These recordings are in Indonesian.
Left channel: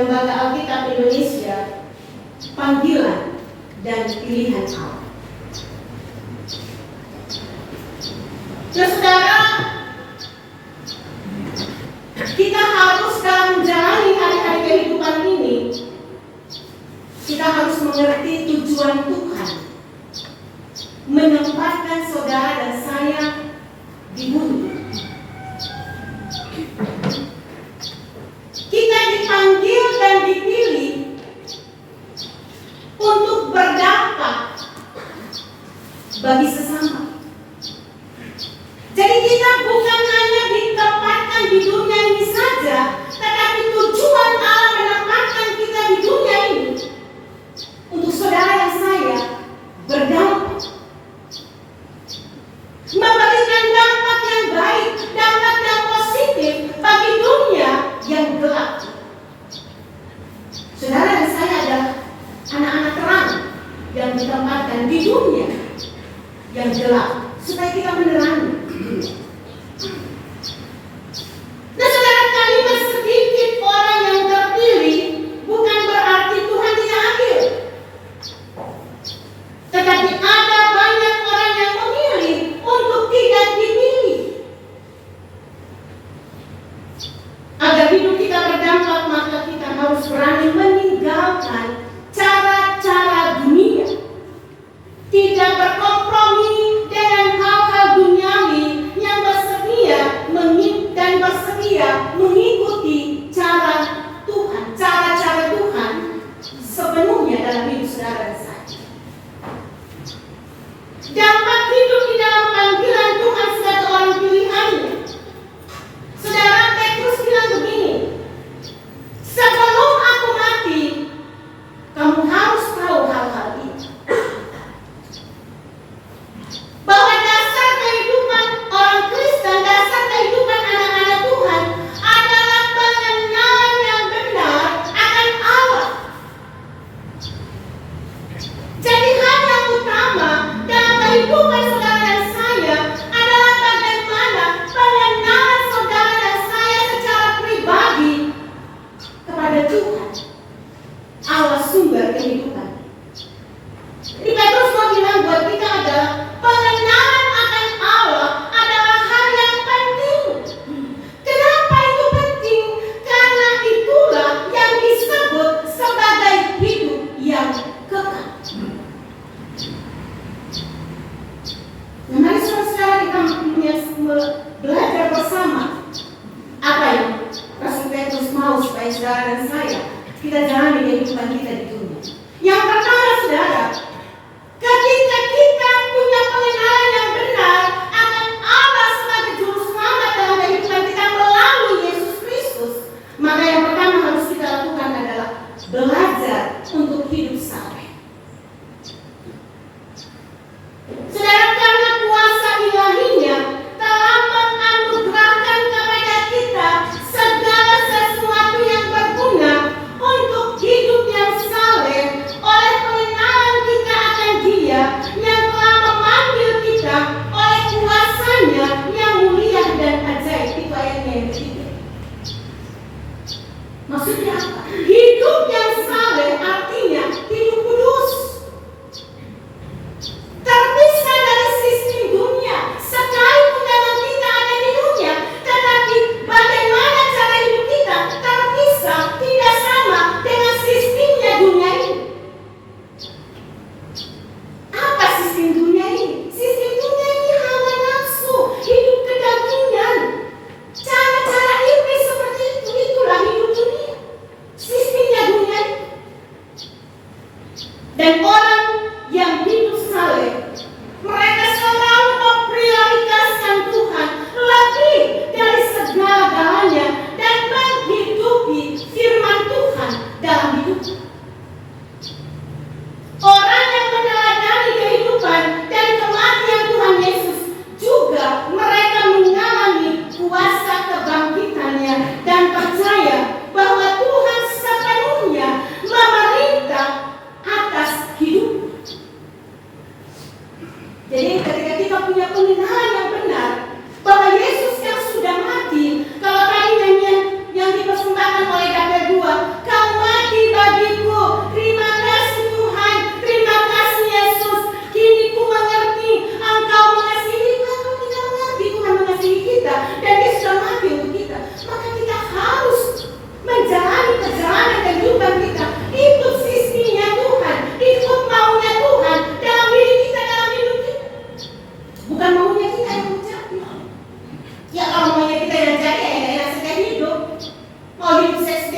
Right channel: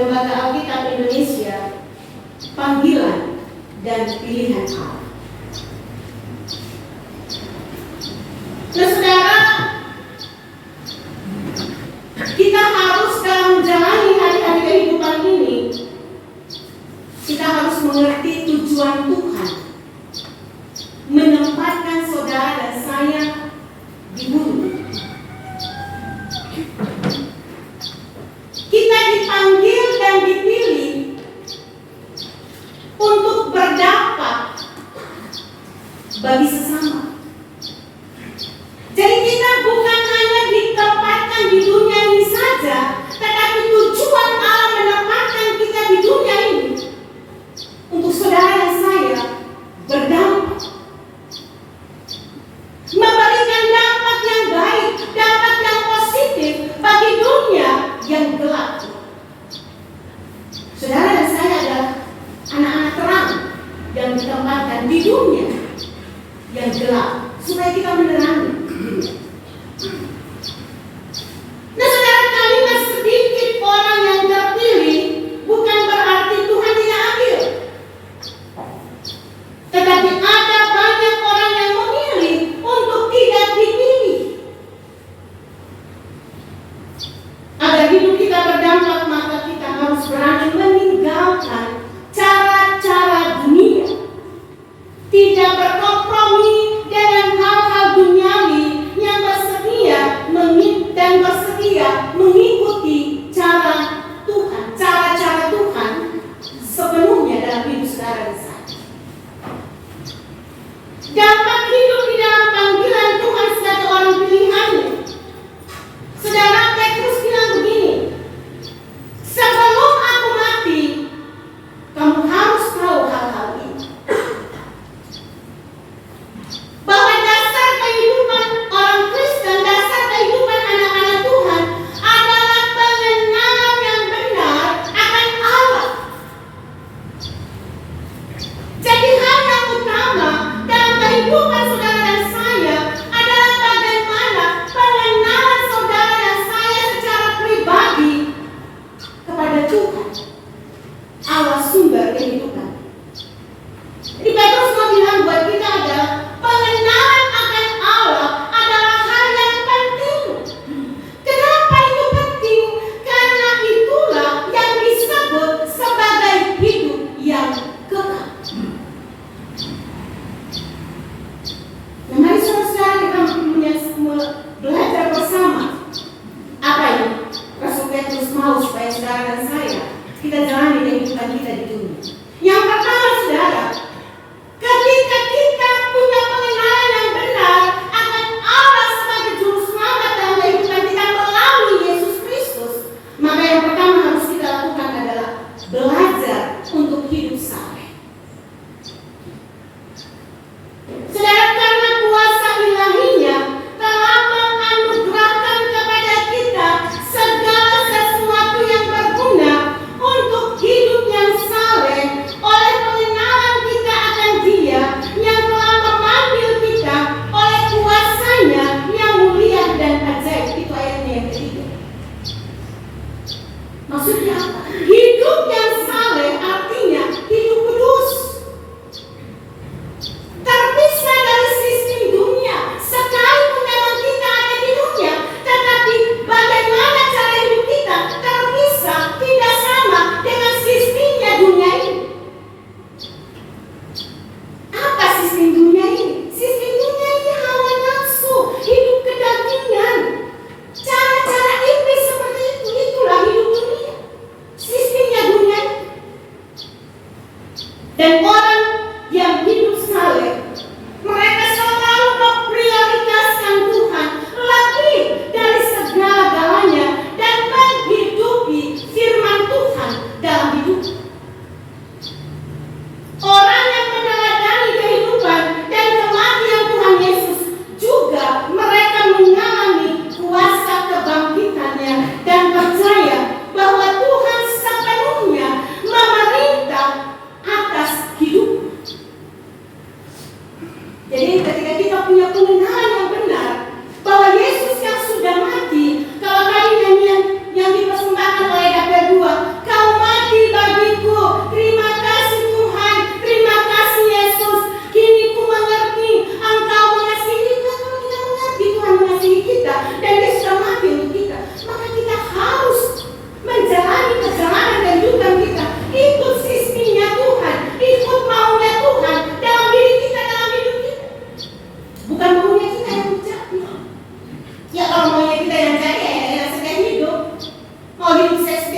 Lembaga Alkitab Indonesia, panggilan dan pilihan Allah. Nah, saudara, kita harus dalam menjalani hari-hari kehidupan ini, kita harus mengerti tujuan Tuhan menempatkan saudara dan saya di bumi. Kita dipanggil dan dipilih untuk berdampak bagi sesama. Jadi kita bukan hanya ditempatkan di dunia ini saja, tetapi tujuan Allah menempatkan kita di dunia ini untuk saudara dan saya berdampak, memberikan dampak yang baik, dampak yang positif bagi dunia yang gelap. Saudara dan saya adalah anak-anak terang yang ditempatkan di dunia yang gelap supaya kita menerangi. Nah, saudara, kalimat sedikit orang yang terpilih bukan berarti Tuhan tidak adil, tetapi ada banyak orang yang memilih untuk tidak dipilih. Agar hidup kita berdampak, maka kita harus berani meninggalkan cara-cara dunia, tidak berkompromi dengan hal-hal duniawi yang bersedia mengikuti cara Tuhan, cara-cara Tuhan sepenuhnya dalam hidup saudara dan saya. Dampak hidup di dalam panggilan Tuhan sebagai orang pilihannya. Saudara, Petrus bilang begini, sebelum aku mati, kamu harus tahu hal-hal ini. Bahwa dasar kehidupan orang Kristen, dasar kehidupan anak-anak Tuhan adalah pengenalan yang benar akan Allah. Jadi hal yang utama dalam kehidupan saudara dan saya adalah bagaimana pengenalan saudara dan saya secara pribadi kepada Tuhan, Allah sumber kehidupan. Jadi Petrus mau bilang buat kita adalah pengenalan akan Allah adalah hal yang penting. Kenapa itu penting? Karena itulah yang disebut sebagai hidup yang kekal. Mari saudara kita belajar bersama apa yang Rasul Petrus mau supaya saudara dan saya kita jalani kehidupan kita di dunia. Yang pertama, saudara, ketika kita punya pengenalan yang benar akan Allah sebagai juru selamat dalam kehidupan kita melalui Yesus Kristus, maka yang pertama harus kita lakukan adalah belajar untuk hidup saleh. Saudara, karena kuasa ilahinya telah menganugerahkan kepada kita segala sesuatu yang berguna untuk hidup yang saleh oleh pengenalan kita akan Dia yang telah memanggil kita oleh kuasanya yang mulia dan ajaib. Itu ayatnya yang ketiga. Maksudnya apa? Hidup yang saleh artinya hidup kudus, terpisah dari sistem dunia. Sekalipun memang kita ada di dunia, tetapi bagaimana cara hidup kita terpisah, tidak sama dengan sistemnya dunia ini. Apa sistem dunia ini? Sistem dunia ini hawa nafsu, hidup kedagingan, cara-cara iblis seperti itu. Itulah hidup dunia, sistemnya dunia ini. Dan orang yang hidup saleh, mereka selalu memprioritaskan Tuhan lebih dari segala-galanya dan menghidupi firman Tuhan dalam hidup. Orang yang meneladani kehidupan dan kematian Tuhan Yesus juga mereka mengalami kuasa kebangkitannya dan percaya bahwa Tuhan sepenuhnya memerintah atas hidup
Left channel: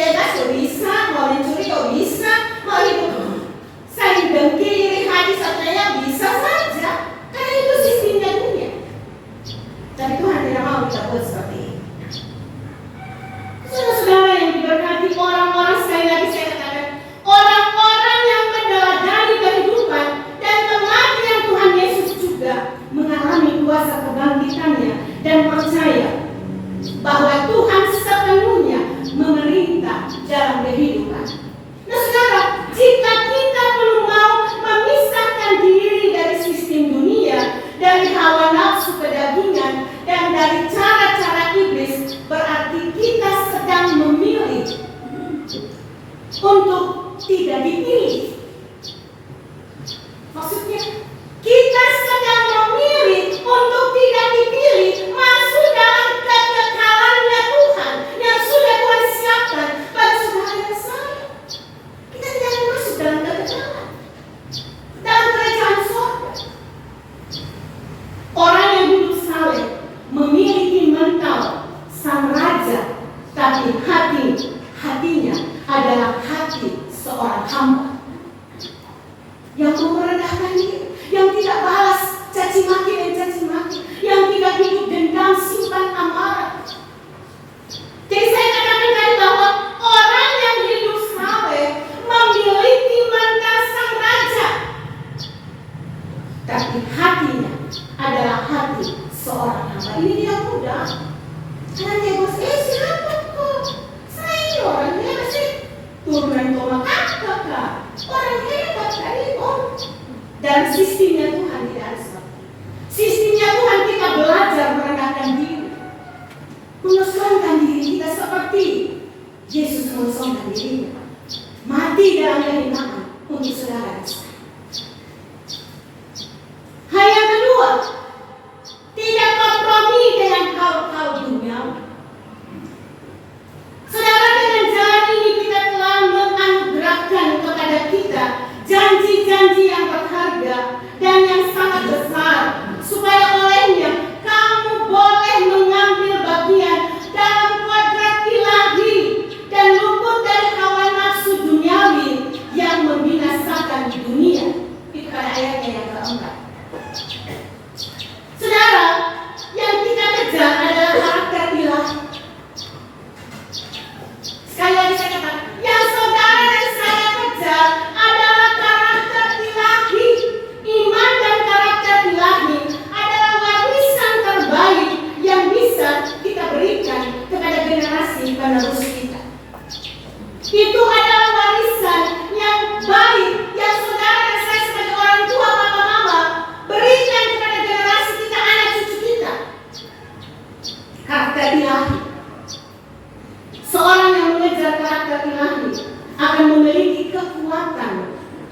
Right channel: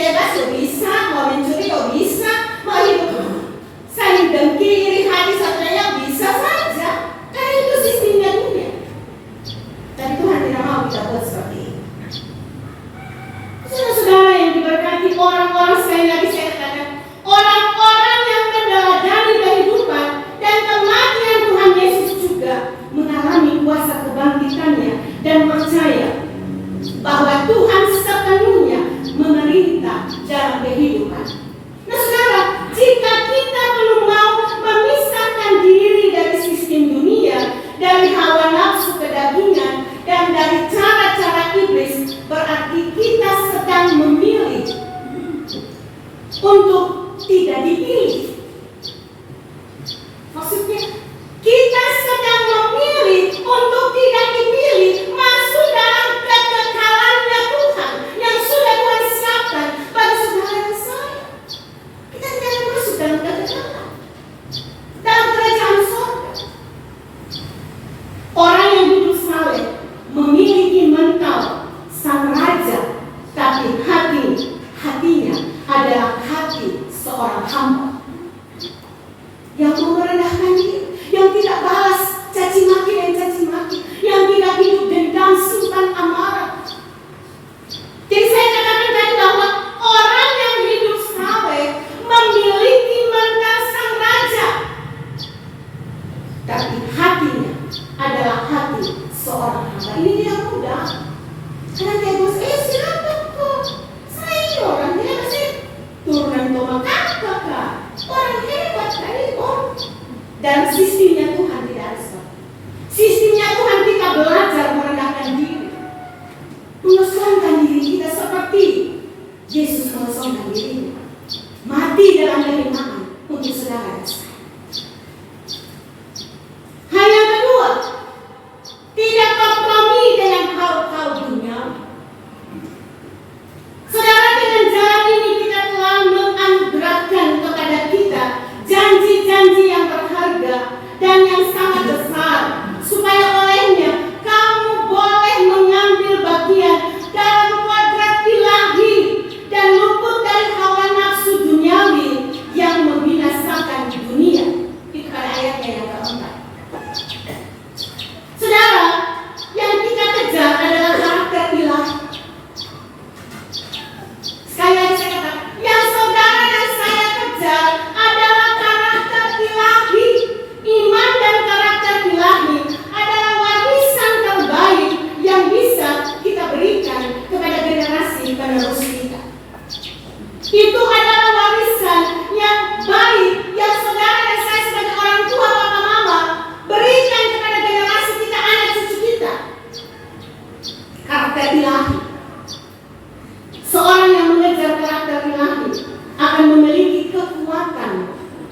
bebas ya bisa, mau mencuri ya bisa, mau hidup saling dengki, iri hati saudara bisa saja, karena itu sistemnya dunia. Tapi Tuhan tidak mau kita buat seperti ini. Saudara-saudara yang diberkati, orang-orang, sekali lagi saya katakan, orang-orang yang meneladani kehidupan dan kematian Tuhan Yesus juga mengalami kuasa kebangkitannya dan percaya bahwa Tuhan sepenuhnya memerintah dalam kehidupan. Nah saudara, jika kita belum mau memisahkan diri dari sistem dunia, dari hawa nafsu kedagingan, dan dari cara-cara iblis, berarti kita sedang memilih untuk tidak dipilih. Maksudnya, kita sedang memilih untuk tidak dipilih masuk dalam kekekalannya Tuhan yang sudah Tuhan siapkan bagi saudara dan saya. Kita tidak akan masuk dalam kekekalan, dalam kerajaan surga. Orang yang hidup saleh memiliki mental sang raja, tapi hatinya adalah hati seorang hamba yang merendahkan diri, yang tidak balas caci maki dan caci maki, yang tidak hidup dendam simpan amarah. Jadi saya katakan tadi bahwa orang yang hidup saleh memiliki mental sang raja, tapi hatinya adalah hati seorang hamba. Ini tidak mudah. Karena dia bos, siapa kok? Saya ini orang dia masih turunan Toma kakak, orang hebat dari om. Dan sistemnya Tuhan tidak ada seperti. Sistemnya Tuhan kita belajar merendahkan diri, mengosongkan diri kita seperti Yesus mengosongkan dirinya, mati dalam keimanan untuk saudara dan saya. Hal yang kedua, tidak kompromi dengan hal-hal dunia. Saudara, dengan jalan ini kita telah menganugerahkan kepada kita janji-janji yang berharga dan yang sangat besar, supaya olehnya kamu boleh mengambil bagian dalam kodrat ilahi dan luput dari hawa nafsu duniawi yang membinasakan di dunia. Itu pada ayatnya yang keempat. Saudara, yang kita kejar adalah karakter ilahi. Sekali lagi saya katakan, yang saudara dan saya kejar adalah karakter ilahi. Iman dan karakter ilahi adalah warisan terbaik yang bisa kita berikan kepada generasi penerus kita. Itu adalah warisan yang baik yang saudara dan saya sebagai orang tua, papa, mama berikan kepada generasi kita, anak cucu kita. Karakter ilahi. Seorang yang mengejar karakter ilahi akan memiliki kekuatan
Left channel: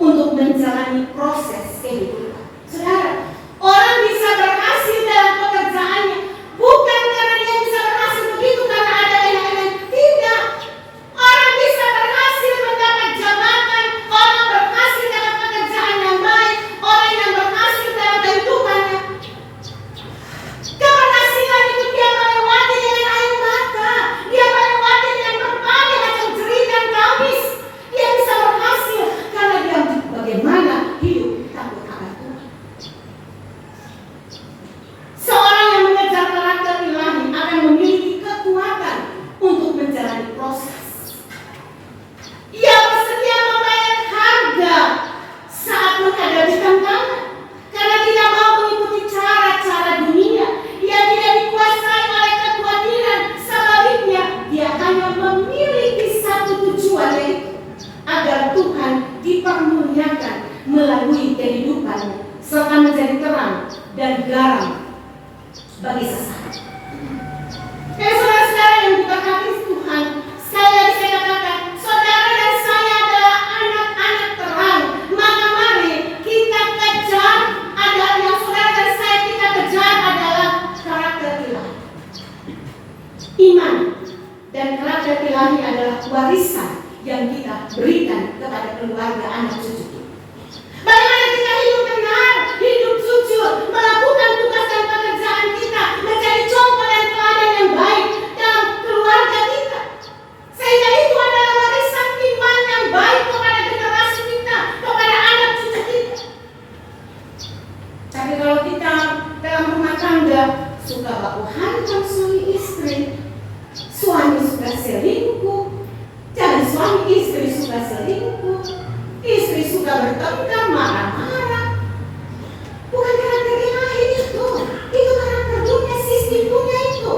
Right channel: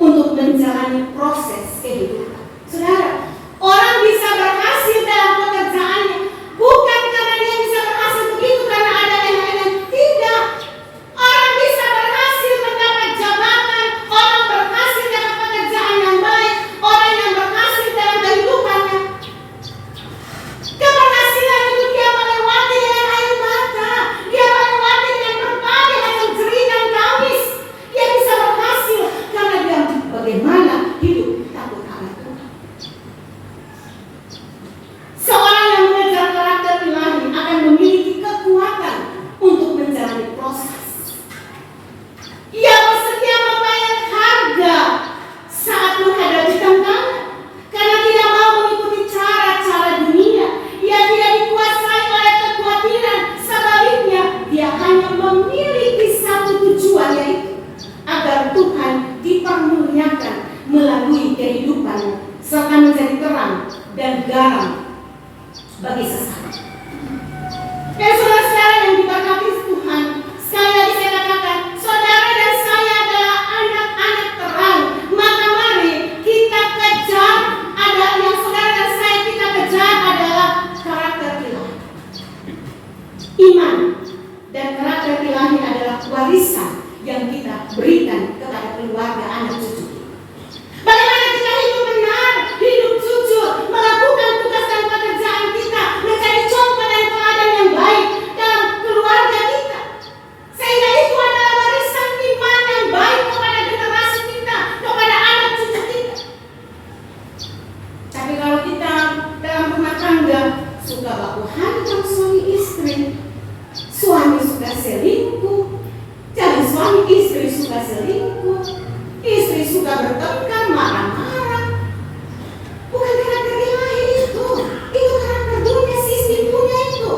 untuk menjalani proses kehidupan. Saudara, orang bisa berhasil dalam pekerjaannya bukan karena dia bisa berhasil begitu karena ada enak-enak. Tidak. Orang bisa berhasil mendapat jabatan, orang berhasil dalam pekerjaan yang baik, orang yang berhasil dalam kehidupannya. Keberhasilan itu dia melewati dengan air mata, dia melewati dengan berbagai macam cerita dan tangis. Dia bisa berhasil karena dia bagaimana hidup takut akan Tuhan. Seorang yang mengejar karakter ilahi akan memiliki kekuatan untuk menjalani proses. Ia bersedia membayar harga saat menghadapi tantangan, karena tidak mau mengikuti cara-cara dunia. Ia tidak dikuasai oleh kekhawatiran. Sebaliknya, dia hanya memiliki satu tujuan, yaitu agar Tuhan dipermuliakan melalui kehidupannya, serta menjadi terang dan garam bagi sesama. Saudara-saudara yang diberkati Tuhan, sekali lagi saya katakan, saudara dan saya adalah anak-anak terang. Maka mari kita kejar, ada yang saudara dan saya kita kejar adalah karakter ilahi. Iman dan karakter ilahi adalah warisan yang kita berikan kepada keluarga, anak cucu kita. Bagaimana kita hidup benar, hidup jujur, melakukan tugas dan pekerjaan kita, menjadi contoh dan teladan yang baik dalam keluarga kita. Sehingga itu adalah selingkuh, istri suka bertengkar, marah-marah. Bukan karakter ilahi itu karakter dunia, sistem dunia itu.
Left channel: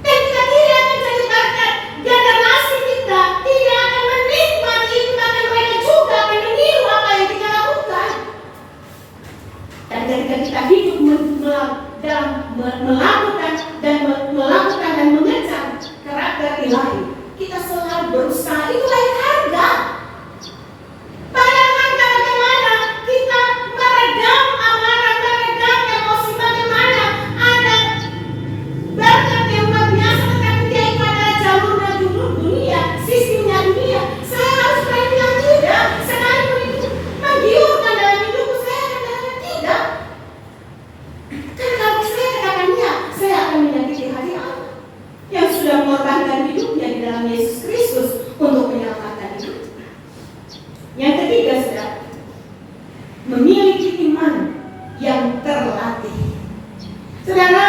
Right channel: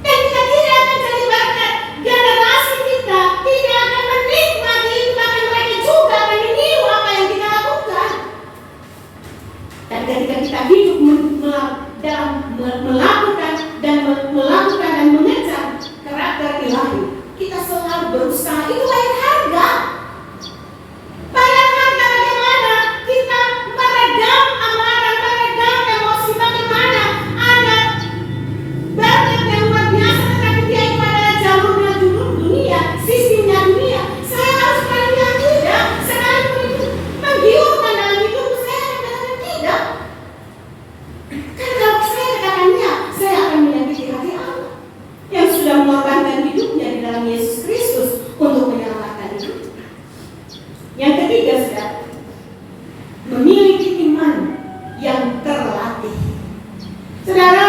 Dan kita tidak akan jadi berkat, generasi kita tidak akan menikmati itu, bahkan mereka juga akan meniru apa yang kita lakukan. Dan ketika kita hidup dalam melakukan dan mengejar karakter ilahi, kita selalu berusaha, itu bayar harga. Bayar harga bagaimana? Kita meredam amarah, meredam emosi, bagaimana? Ada berkat yang luar biasa, tetapi dia itu adalah jalurnya dunia, sistemnya dunia. Saya harus bilang tidak, sekalipun itu menggiurkan dalam hidupku, saya akan katakan tidak. Karena kalau saya katakan ya, saya akan menyakiti hati Allah yang sudah mengorbankan hidupnya di dalam Yesus Kristus untuk menyelamatkan hidup. Yang ketiga, saudara, memiliki iman yang terlatih. Saudara,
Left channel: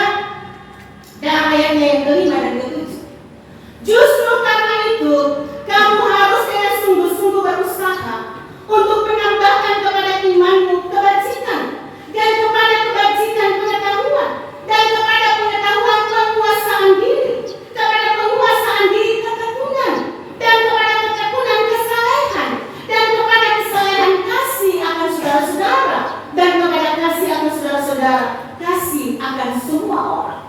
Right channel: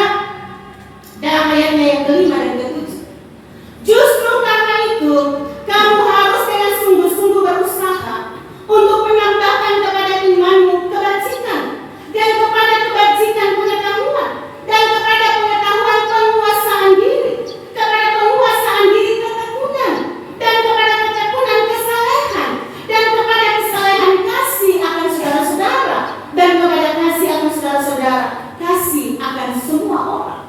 dalam ayatnya yang kelima dan ketujuh, justru karena itu kamu harus dengan sungguh-sungguh berusaha untuk menambahkan kepada imanmu kebajikan, dan kepada kebajikan pengetahuan, dan kepada pengetahuan penguasaan diri, kepada penguasaan diri ketekunan, dan kepada ketekunan kesalehan, dan kepada kesalehan kasih akan saudara-saudara, dan kepada kasih akan saudara-saudara, kasih akan semua orang.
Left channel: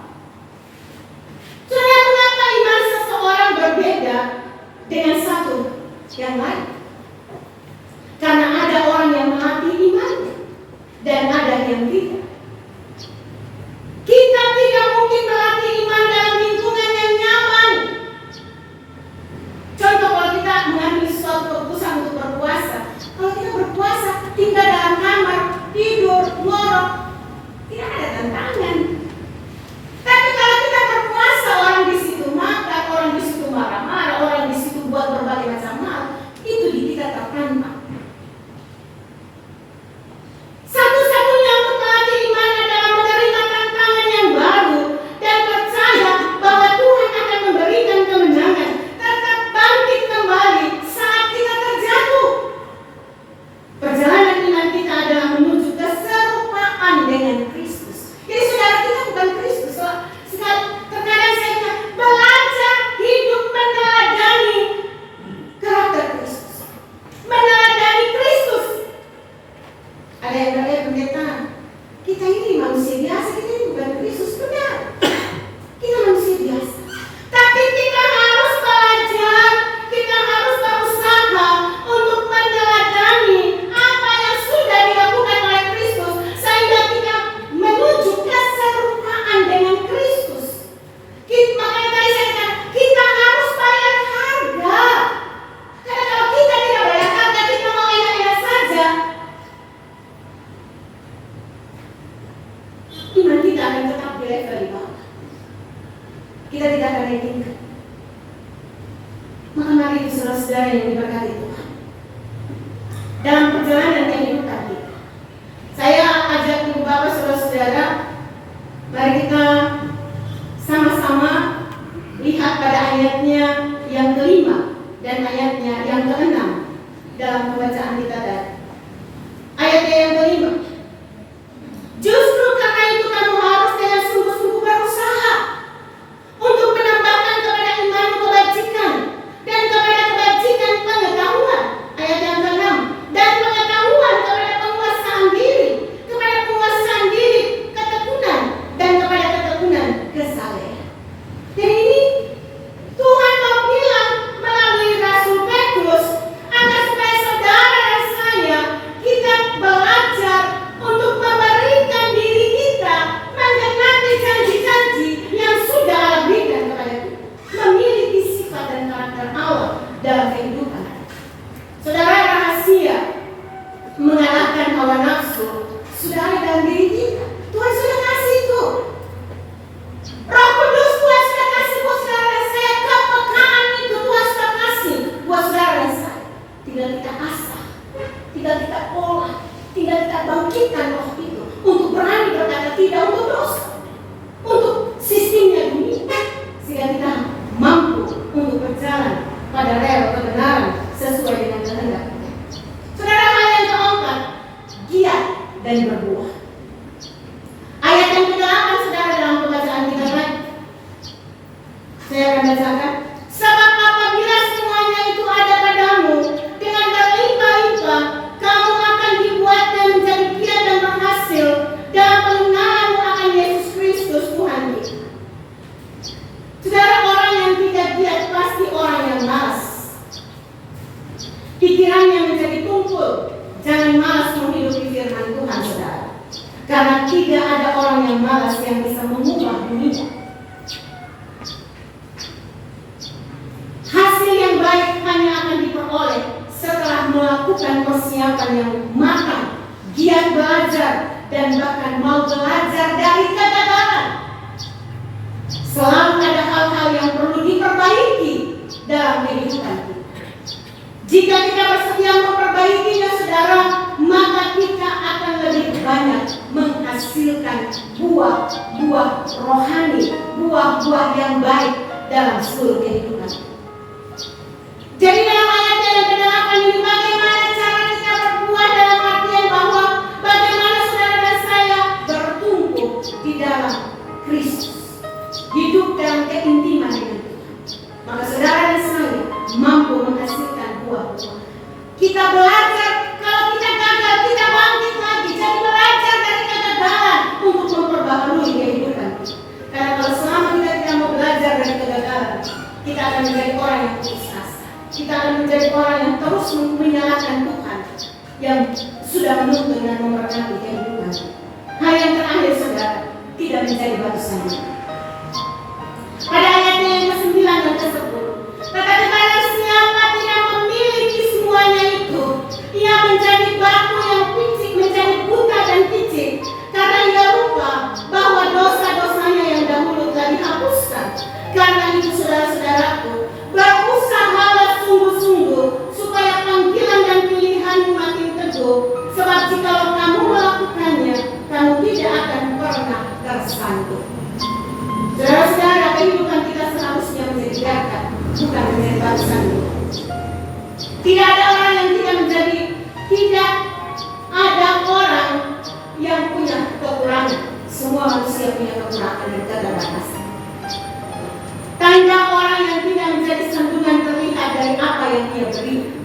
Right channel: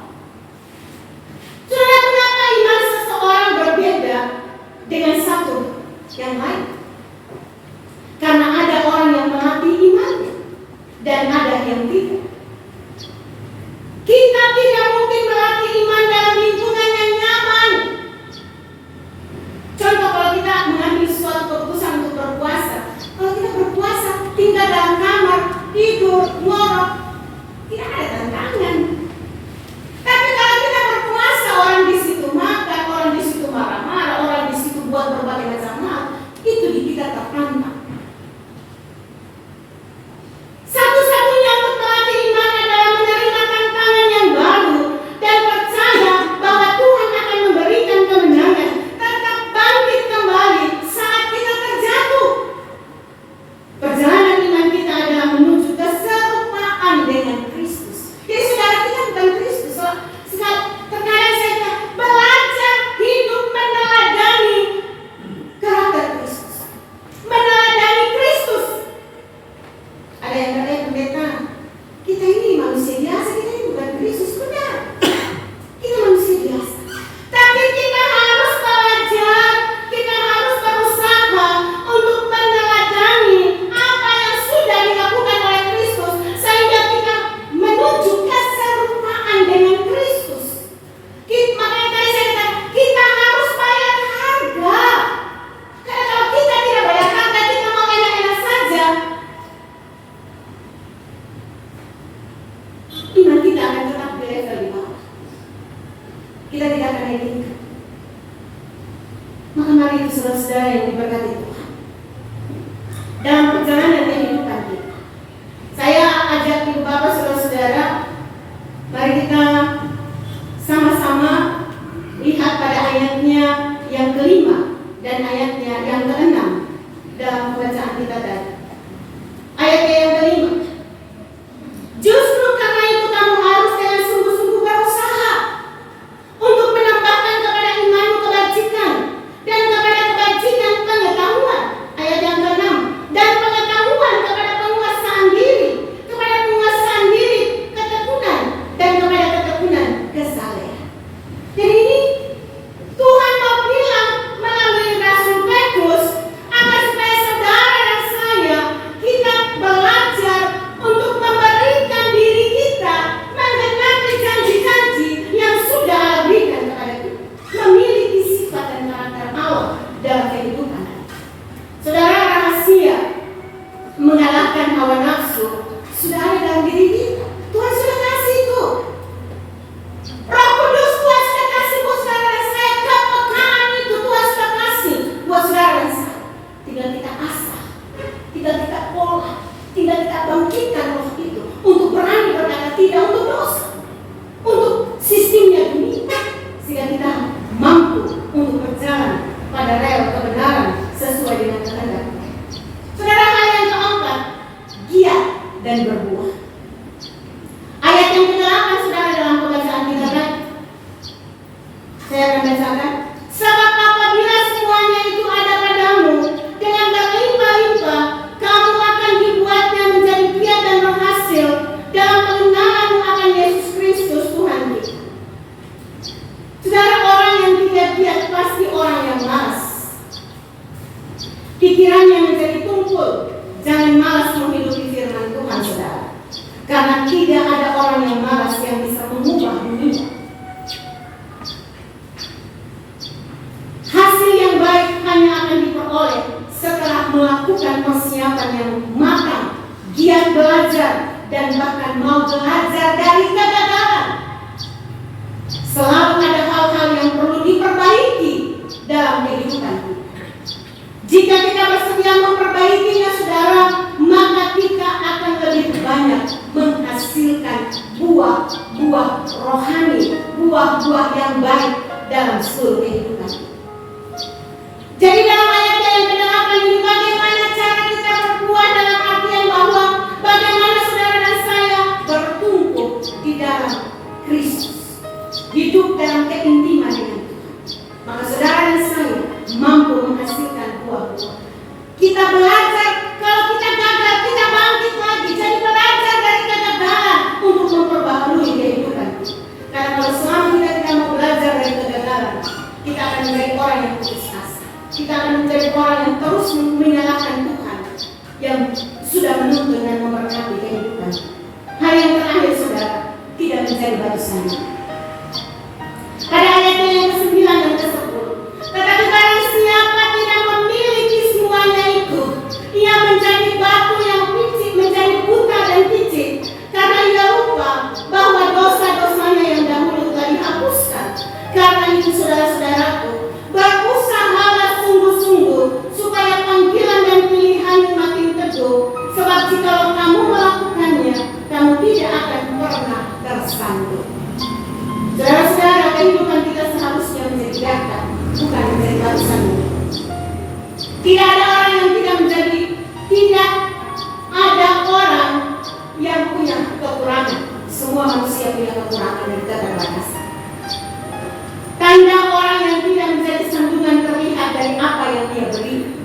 Saudara, kenapa iman seseorang berbeda dengan satu yang lain? Karena ada orang yang melatih imannya dan ada yang tidak. Kita tidak mungkin melatih iman dalam lingkungan yang nyaman. Contoh, kalau kita mengambil suatu keputusan untuk berpuasa, kalau kita berpuasa tinggal dalam kamar, tidur, ngorok, tidak ada tantangan. Tapi kalau kita berpuasa, orang di situ makan, orang di situ marah-marah, orang di situ buat berbagai macam hal, itu di kita tertantang. Satu-satunya untuk melatih iman adalah menerima tantangan yang baru dan percaya bahwa Tuhan akan memberikan kemenangan, tetap bangkit kembali saat kita terjatuh. Perjalanan iman kita adalah menuju keserupaan dengan Kristus. Jadi saudara, kita bukan Kristus. Terkadang saya bilang, belajar hidup meneladani karakter Kristus, meneladani Kristus. Ada yang berkata, pendeta, kita ini manusia biasa, kita ini bukan Kristus. Benar, kita manusia biasa. Tapi kita harus belajar, kita harus berusaha untuk meneladani apa yang sudah dilakukan oleh Kristus, sehingga kita menuju keserupaan dengan Kristus. Makanya tadi saya katakan, kita harus bayar harga. Karena kalau kita tidak bayar harga, kita mau enak-enak saja, iman kita akan tetap di level di bawah. Kita tidak akan naik tingkat. Maka mari itu saudara-saudara yang diberkati Tuhan, dalam perjalanan kehidupan kita, saya ajak ibu bapak saudara-saudara, mari kita sama-sama lihat pada ayatnya yang kelima dan ayatnya yang keenam dalam pembacaan kita tadi. Ayatnya yang kelima, justru karena itu kamu harus dengan sungguh-sungguh berusaha untuk menambahkan kepada imanmu kebajikan, dan kepada kebajikan pengetahuan. Ayat yang keenam, dan pengetahuan kepada penguasaan diri, kepada penguasaan diri ketekunan, dan kepada ketekunan kesalehan. Jadi ini Tuhan mau bilang melalui Rasul Petrus agar supaya saudara dan saya, kita belajar untuk memberikan diri kita menggenapi janji-janji yang sudah Allah berikan kepada kita, memiliki sifat dan karakter Allah dalam kehidupan. Saudara, rahasia mengalahkan hawa nafsu sudah ada dalam diri kita. Tuhan sudah kasih itu. Roh Kudus Tuhan sudah kasih buat saudara dan saya. Kepekaan itu Tuhan sudah kasih buat saudara dan saya. Tinggal kita asah, tinggal kita olah, tinggal kita bangkitkan roh itu untuk berani berkata tidak untuk dosa, untuk sistemnya dunia, sehingga kita mampu untuk berjalan pada rel kebenaran sesuai dengan pikirannya menjadi tumpul. Jangan malas menghidupi firman Tuhan, saudara. Karena tidak ada orang yang malas yang bisa mengubah dunia. Hasil yang baik hanya akan diperoleh setelah melakukan persiapan yang matang, giat belajar, dan bahkan mau belajar dari kegagalan. Selalu ada hal-hal yang perlu diperbaiki dalam kehidupan kita. Jika kita bersedia memperbaikinya, saudara, maka kita akan lebih banyak menghasilkan buah-buah rohani, buah-buah yang baik dalam seluruh kehidupan. Jadi dalam ayat yang ke-8 ini, bagaimana cara kita berbuah dalam artian bahwa bagaimana saudara dan saya bertumbuh di dalam Kristus, hidup dalam keintiman dengan Tuhan. Maka saudara dan saya mampu menghasilkan buah-buah. Kita belajar, kalau kita gagal, kita bangkit lagi. Jadi belajar dari kegagalan untuk memperbaharui kehidupan kita. Karena kalau selama kita mau belajar dari kegagalan, kita akan menjadi orang yang putus asa. Kita akan menjadi orang yang terus menyalahkan Tuhan yang sudah menuntun dan memberkati kehidupan. Hal yang terakhir, saudara, tidak menjadi batu sandungan. Pada ayatnya yang ke-9 dan ke-10, tetapi barang siapa tidak memiliki semuanya itu, ia menjadi batu yang picik, menjadi buta dan picik, karena ia lupa bahwa dosa-dosanya yang dahulu telah dihapuskan. Karena itu, saudara-saudaraku, berusahalah sungguh-sungguh supaya panggilan dan pilihanmu makin teguh, sebab jika kamu melakukannya, kamu tidak akan pernah tersandung. Saudara-saudara, kehidupan kita seharusnya menjadi gagah, bukan menjadi batu sandungan. Tidak ada orang yang tidak ada orang yang punya kekurangan. Semua manusia punya kekurangan dan keterbatasan. Tanda orang yang tidak menjadi sandungan terlihat dari apa yang dia beri,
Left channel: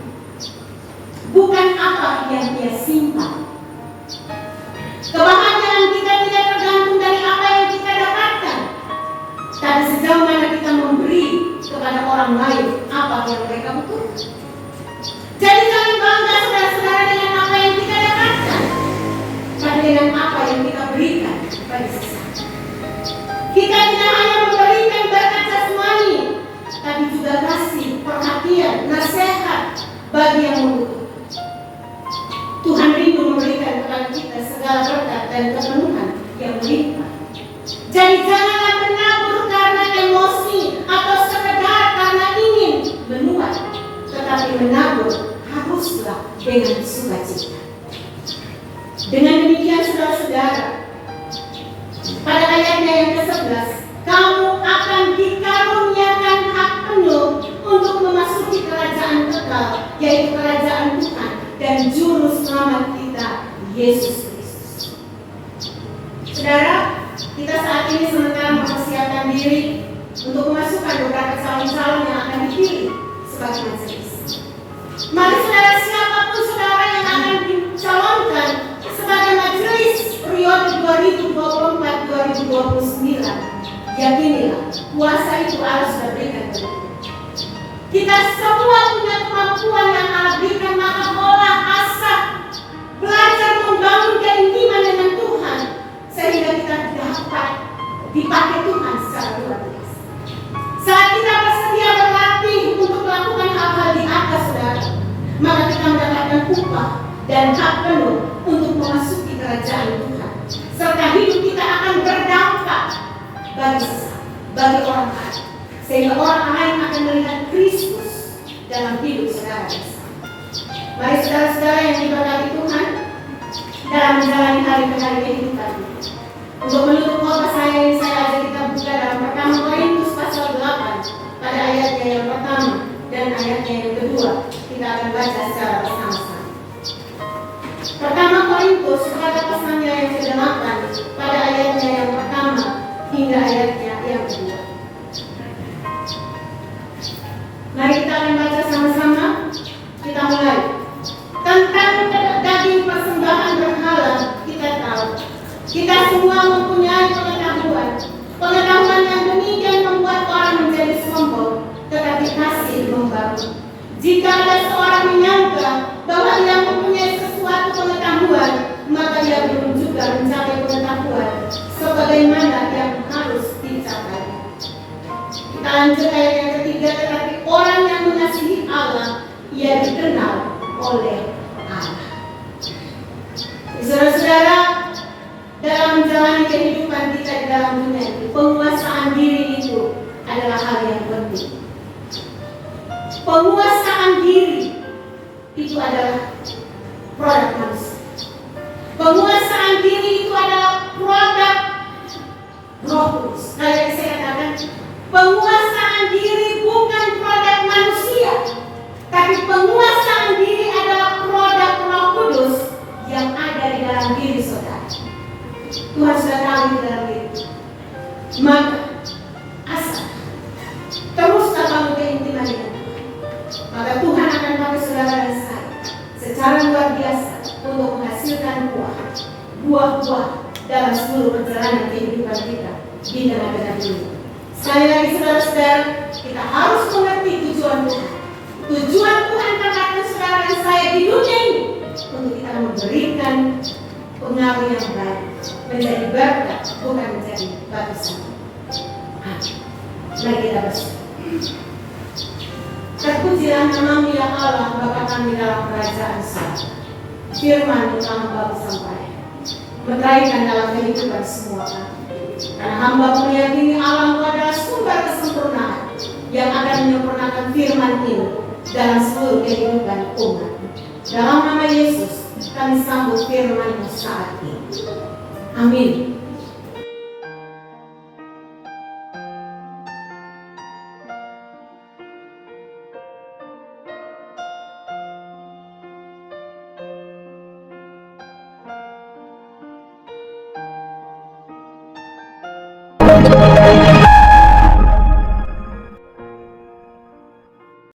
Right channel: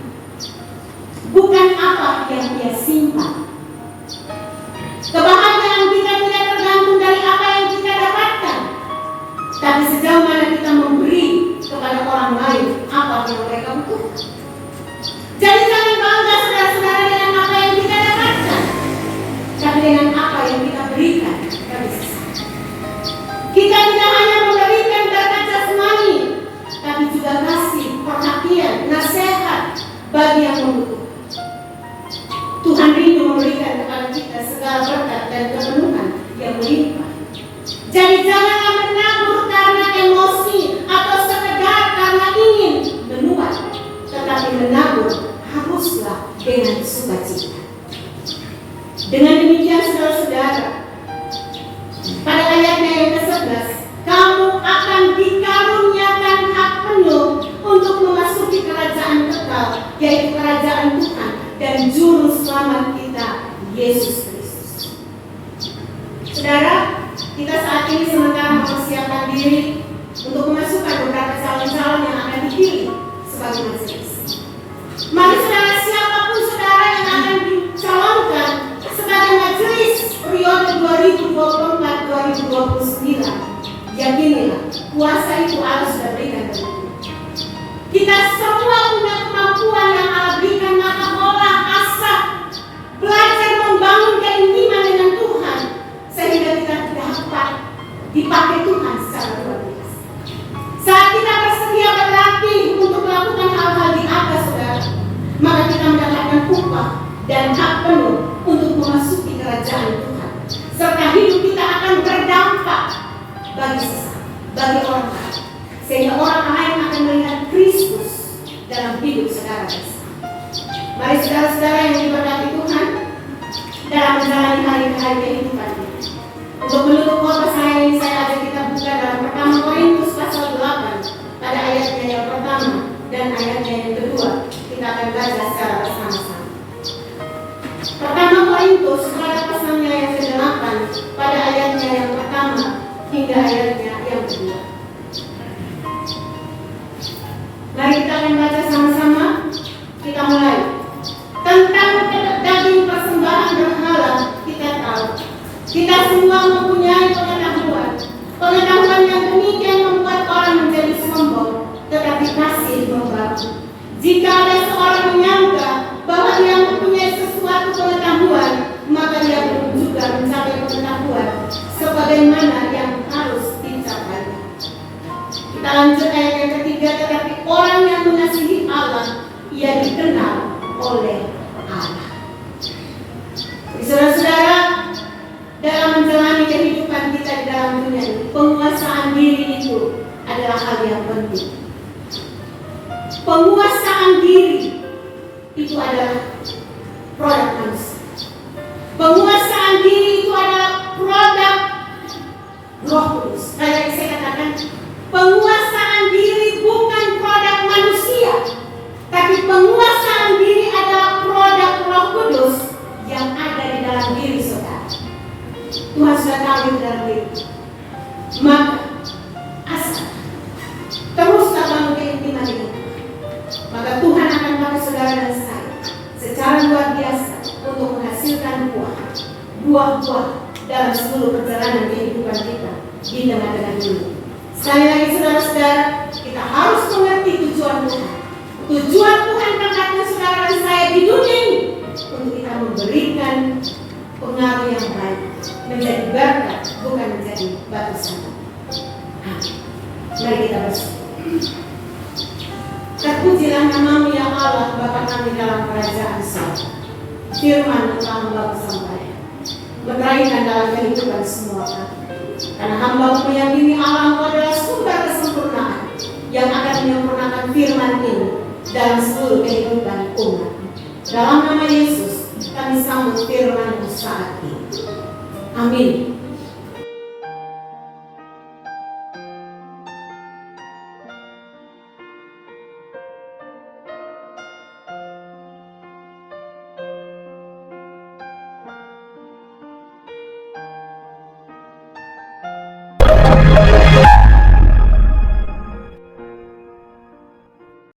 bukan apa yang dia simpan. Kebahagiaan kita tidak tergantung dari apa yang kita dapatkan, tapi sejauh mana kita memberi kepada orang lain apa yang mereka butuhkan. Jadi jangan bangga, saudara-saudara, dengan apa yang kita dapatkan, tapi dengan apa yang kita berikan kepada sesama. Kita tidak hanya memberikan berkat jasmani, tapi juga kasih, perhatian, nasihat bagi yang membutuhkan. Tuhan rindu memberikan kepada kita segala berkat dan kepenuhan yang melimpah. Jadi janganlah menabur karena emosi atau sekedar karena ingin menuai, tetapi menabur haruslah dengan sukacita. Dengan demikian, saudara-saudara, pada ayatnya yang ke-11, kamu akan dikaruniakan hak penuh untuk memasuki kerajaan kekal, yaitu kerajaan Tuhan dan juru selamat kita, Yesus Kristus. Saudara, kita saat ini sementara mempersiapkan diri untuk memasukkan beberapa calon-calon yang akan dipilih sebagai majelis. Mari saudara, siapapun saudara yang akan dicalonkan sebagai majelis periode 2024-2029, yakinilah kuasa itu harus diberikan kepada kita. Kita semua punya kemampuan yang Allah berikan, maka olah asah, belajar membangun keintiman dengan Tuhan sehingga kita dapat dipakai Tuhan secara luar biasa. Saat kita bersedia berlatih untuk melakukan hal-hal di atas, saudara, maka kita mendapatkan upah dan hak penuh untuk memasuki kerajaan Tuhan, serta hidup kita akan berdampak bagi sesama, bagi orang lain, sehingga orang lain akan melihat Kristus dalam hidup saudara. Mari saudara-saudara yang diberkati Tuhan dalam menjalani hari-hari kehidupan. Untuk menutup khotbah saya ini, saya ajak kita buka dalam pertama Korintus pasal 8 pada ayatnya yang pertama dan ayatnya yang kedua. Kita akan baca secara bersama-sama. Pertama Korintus pada pasalnya yang ke-8 pada ayatnya yang pertama hingga ayatnya yang kedua. Mari kita akan baca sama-sama. Kita mulai. Tentang daging persembahan berhala, kita tahu kita semua mempunyai pengetahuan. Pengetahuan yang demikian membuat orang menjadi sombong, tetapi kasih membangun. Jika ada seorang menyangka ia dikenal oleh Allah. Saudara-saudara, dalam menjalani kehidupan kita di dalam dunia ini, penguasaan diri itu adalah hal yang penting. Penguasaan diri itu adalah produk manusia. Penguasaan diri itu adalah produk Roh Kudus. Kayak saya katakan, penguasaan diri bukan produk manusia, tapi penguasaan diri adalah produk Roh Kudus yang ada di dalam diri saudara. Tuhan sudah tahu di dalam diri. Maka asal terus bangun keintiman itu, maka Tuhan akan pakai saudara dan saya secara luar biasa untuk menghasilkan buah-buah dalam seluruh perjalanan kehidupan kita di tengah-tengah dunia. Sekali lagi saudara-saudara, kita harus mengerti tujuan Tuhan. Tujuan Tuhan mengangkatkan saudara dan saya di dunia ini untuk kita memberikan pengaruh yang baik, menjadi berkat, bukan menjadi batu sandungan. Mari kita bersyukur. Terpujilah nama-Mu ya Allah, Bapa kami dalam kerajaan surga. Firman telah membawa sampai meneraikan dalam kehidupan semua kami. Karena hamba-Mu meyakini Allah adalah sumber kesempurnaan yang akan menyempurnakan firman ini dalam seluruh kehidupan umat. Dalam nama Yesus kami sambut firman-Mu saat ini. Amin.